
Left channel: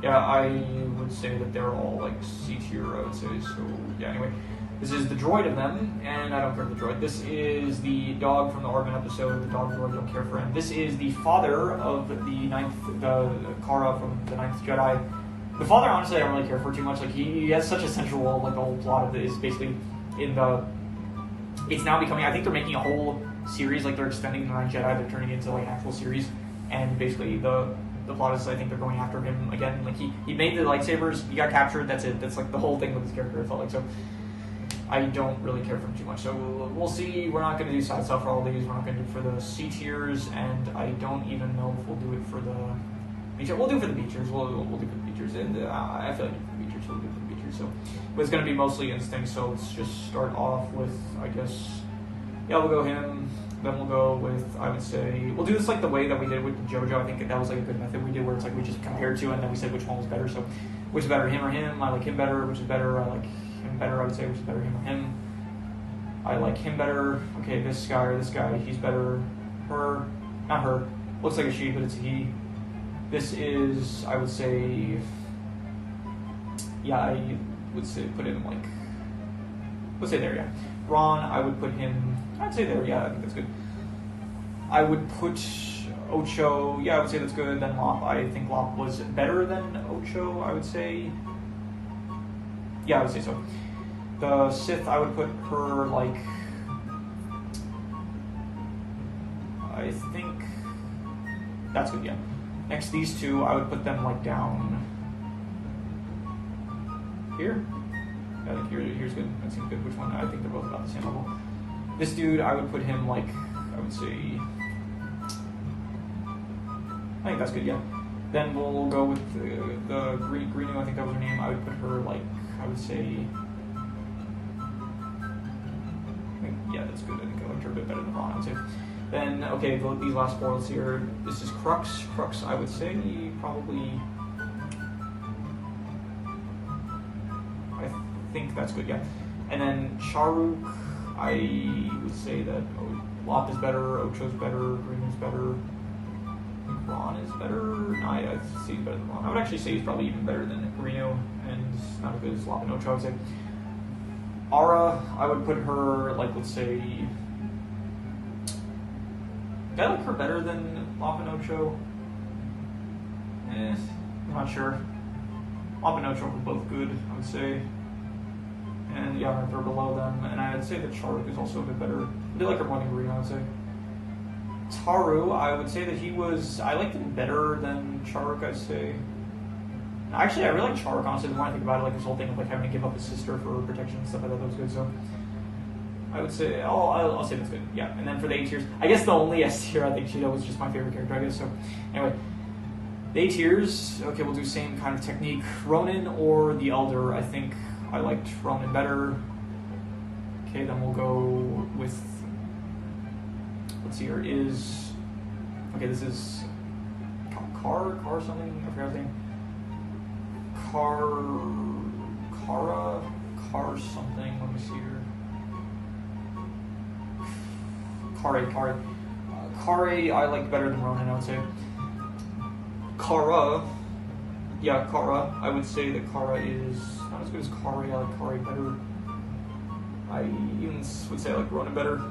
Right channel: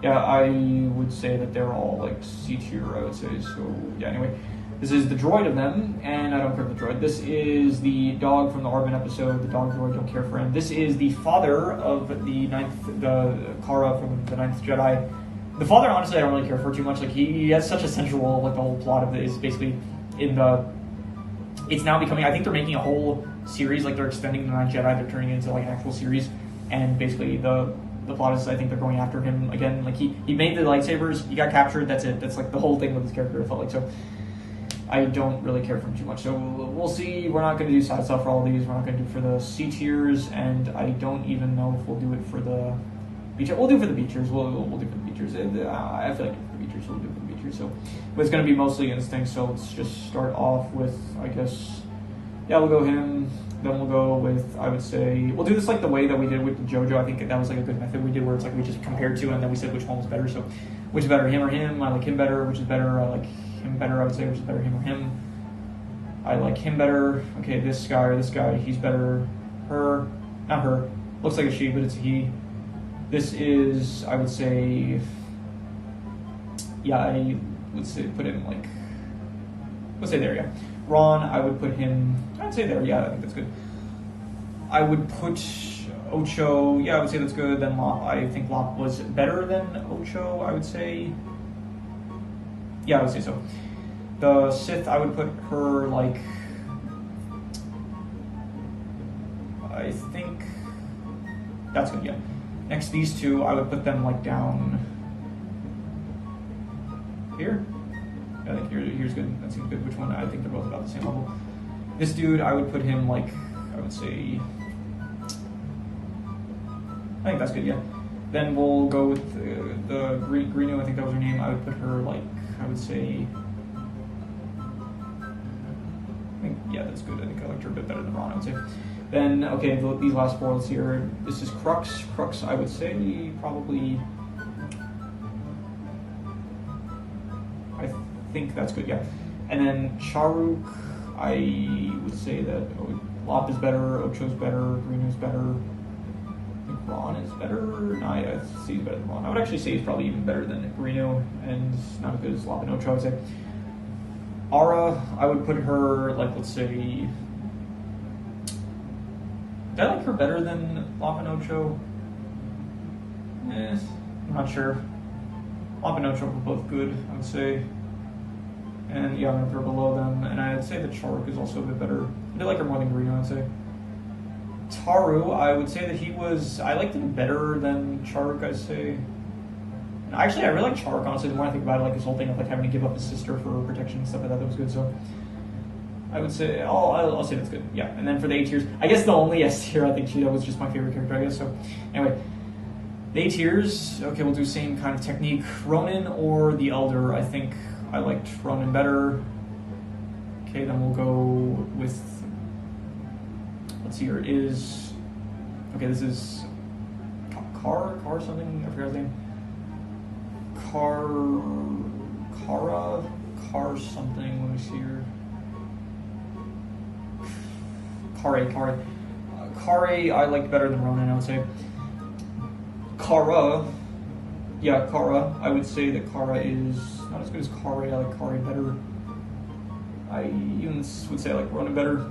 Yeah, I would say that they're all like C tier, I would say. So yeah, anyway. This is the droid of them, and I don't care for the droid. This is the dog from the Orban episode, the dog droid, don't care for him. This is the father of the Kara from the 9th Jedi. The father, honestly, I don't really care for too much. Like, he has such a central role, like, the whole plot of it is basically it's now becoming, I think they're making a whole series, like, they're extending the 9th Jedi, they're turning it into, like, an actual series, and basically the plot is, I think they're going after him again. Like, he made the lightsabers, he got captured, that's it. That's, like, the whole thing with his character, I felt like, so I don't really care for him too much. So we'll see. We're not going to do side stuff for all these. We're not going to do for the C tiers, and I don't even know if we'll do it for the B tiers. We'll do it for the B tiers. We'll do for the B tiers. And I feel like the B tiers. We'll do it for the B tiers. So, but it's going to be mostly instinct. So let's just start off with, I guess, yeah, we'll go him. Then we'll go with, I would say, we'll do this like the way that we did with the JoJo. I think that was like a good method we did, where it's like we just compared two and then we said which one was better. So, which is better, him or him? I like him better. Which is better? I like him better, I would say, which is better, him or him. I like him better. Okay, this guy or this guy, he's better. Her, not her. Looks like a she, but it's a he. This is, I would say, yeah, I would say put him like, let's say there, yeah. Ron, I would put him, I'd say there, yeah, I think that's good. I would put Ocho, yeah, I would say that's good. Then Lop, I think Lop was better than Ocho, I would say. Yeah, I would say so. The Sith, I would put her like, I think that's good, yeah. Next, these two, I would put them like down here. I think here's good. That seems good. Which one? I think they're both about the same level. This dude, I would put him like, I would say, I think that's good, yeah. Then we'll go with the Greeno, I think that was her name. I would put her like, I would say, I think, yeah, that's good. I think I liked her a bit better than Ron, I would say. Then, okay, these last four, let's see here. This is Crux. Crux, I would say, probably, I think that's good, yeah. And then Charuk, I would say that Lop is better, Ocho's better, Greeno's better. I think Ron is better. No, yeah, I'd say he's better than Ron. I would actually say he's probably even better than Greeno, and not as good as Lop and Ocho, I would say. Ara, I would put her, like, let's say, did I like her better than Lop and Ocho? I'm not sure. Lop and Ocho were both good, I would say. And yeah, I'm gonna throw below them. And I'd say that Charuk is also a bit better. I do like her more than Greeno, I'd say. Taru, I would say that I liked him better than Charuk, I'd say. And actually, I really like Charuk, honestly. The more I think about it, like his whole thing of like having to give up his sister for protection and stuff like that, that was good. So I would say, I'll say that's good. Yeah. And then for the A tiers, I guess the only S tier I think Cheeto was just my favorite character, I guess. So anyway, the A tiers, okay, we'll do same kind of technique. Ronin or the Elder, I think I liked Ronin better. Okay, then we'll go with, let's see here, it is, okay, this is Car something, I forgot his name. Car something, let me see here. Kare, I liked better than Ronin, I would say. Kara, I would say that Kara is not as good as Kare. I like Kare better. I even would say I like Ronin better.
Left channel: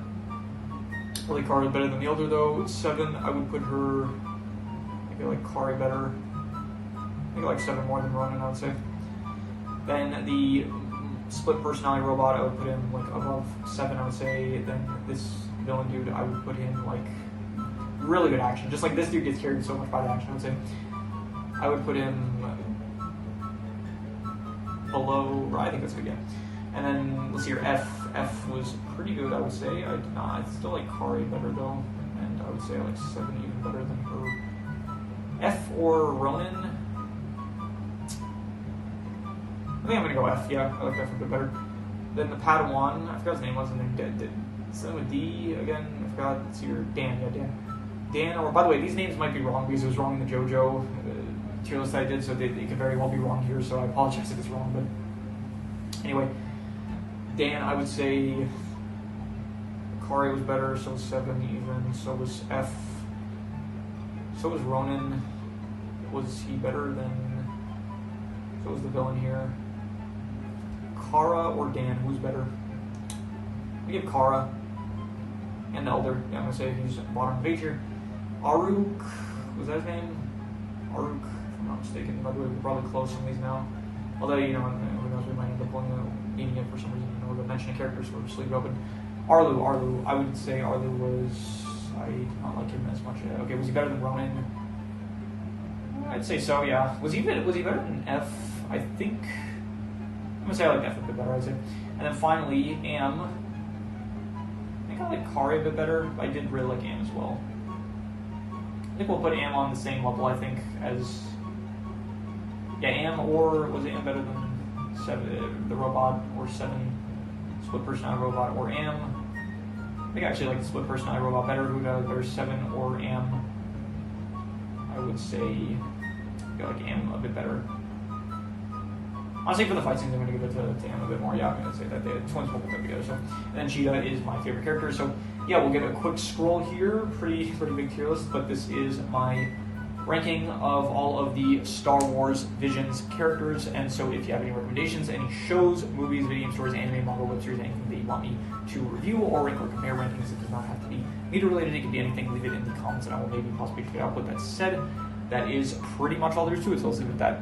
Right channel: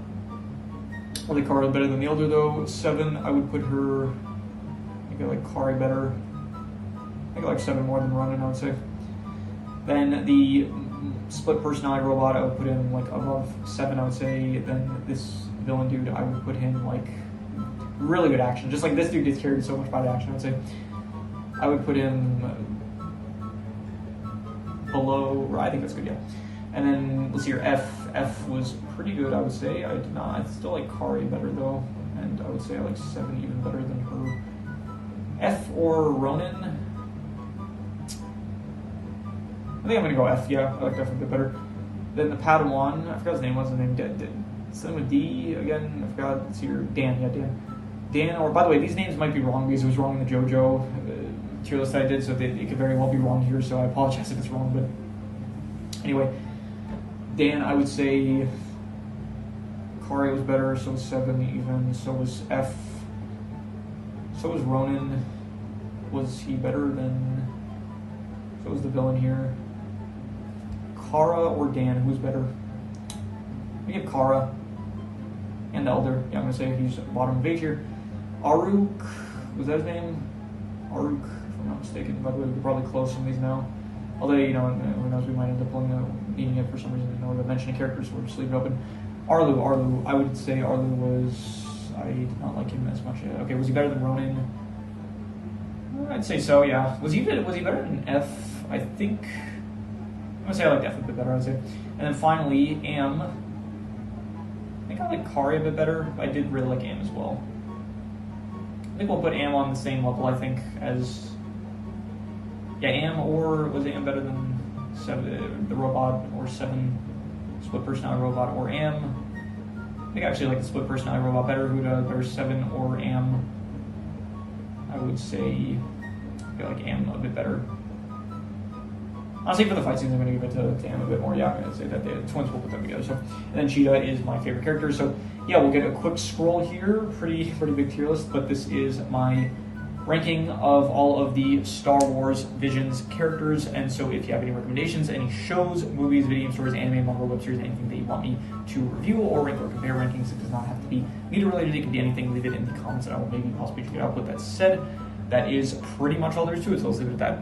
I like Kara better than the Elder though. 7, I would put her, I think I like Kare better. I think I like 7 more than Ronin, I would say. Then the split personality robot, I would put him like above 7, I would say. Then this villain dude, I would put him like really good action. Just like this dude gets carried so much by the action, I would say. I would put him below, I think that's good, yeah. And then let's see here, F was pretty good, I would say. I still like Kare better though, and I would say I like 7 even better than her. F or Ronin? I think I'm gonna go F, yeah, I like F a bit better. Then the Padawan, I forgot his name, what's his name? Something with D again, I forgot, let's see here, Dan, yeah, Dan, or by the way, these names might be wrong because it was wrong in the JoJo tier list I did, so it could very well be wrong here, so I apologize if it's wrong, but anyway, Dan, I would say Kare was better, so was 7 even, so was F, so was Ronin. Was he better than, so was the villain here. Kara or Dan, who's better? We give Kara and the Elder. Yeah, I'm gonna say he's bottom of A tier. Aruk, was that his name? Aruk, if I'm not mistaken. By the way, we're probably close some of these now. Although, you know, who knows, we might end up needing it for some reason in order to mention a character, so we'll just leave it open. Arlu, I would say Arlu was, I did not like him as much. Okay, was he better than Ronin? I'd say so, yeah. Was he better than F? I think, I'm gonna say I like F a bit better, I'd say. And then finally, Am. I think I like Kare a bit better, but I did really like Am as well. I think we'll put Am on the same level, I think, as, yeah, Am, or was Am better than 7, the robot, or 7 split personality robot, or Am? I think I actually like the split personality robot better. Who does better, 7 or Am? I would say I like Am a bit better. honestly, for the fight scenes, I'm going to give it to him a bit more. Yeah, I'm going to say that the twins will put them together. So, and then Cheetah is my favorite character. So, yeah, we'll get a quick scroll here. Pretty big tier list, but this is my ranking of all of the Star Wars Visions characters. And so if you have any recommendations, any shows, movies, video game stories, anime, manga, web series, anything that you want me to review or rank or compare rankings, it does not have to be media related, it can be anything. Leave it in the comments and I will maybe possibly figure it out. With that said, that is pretty much all there is to it, so let's leave it at that.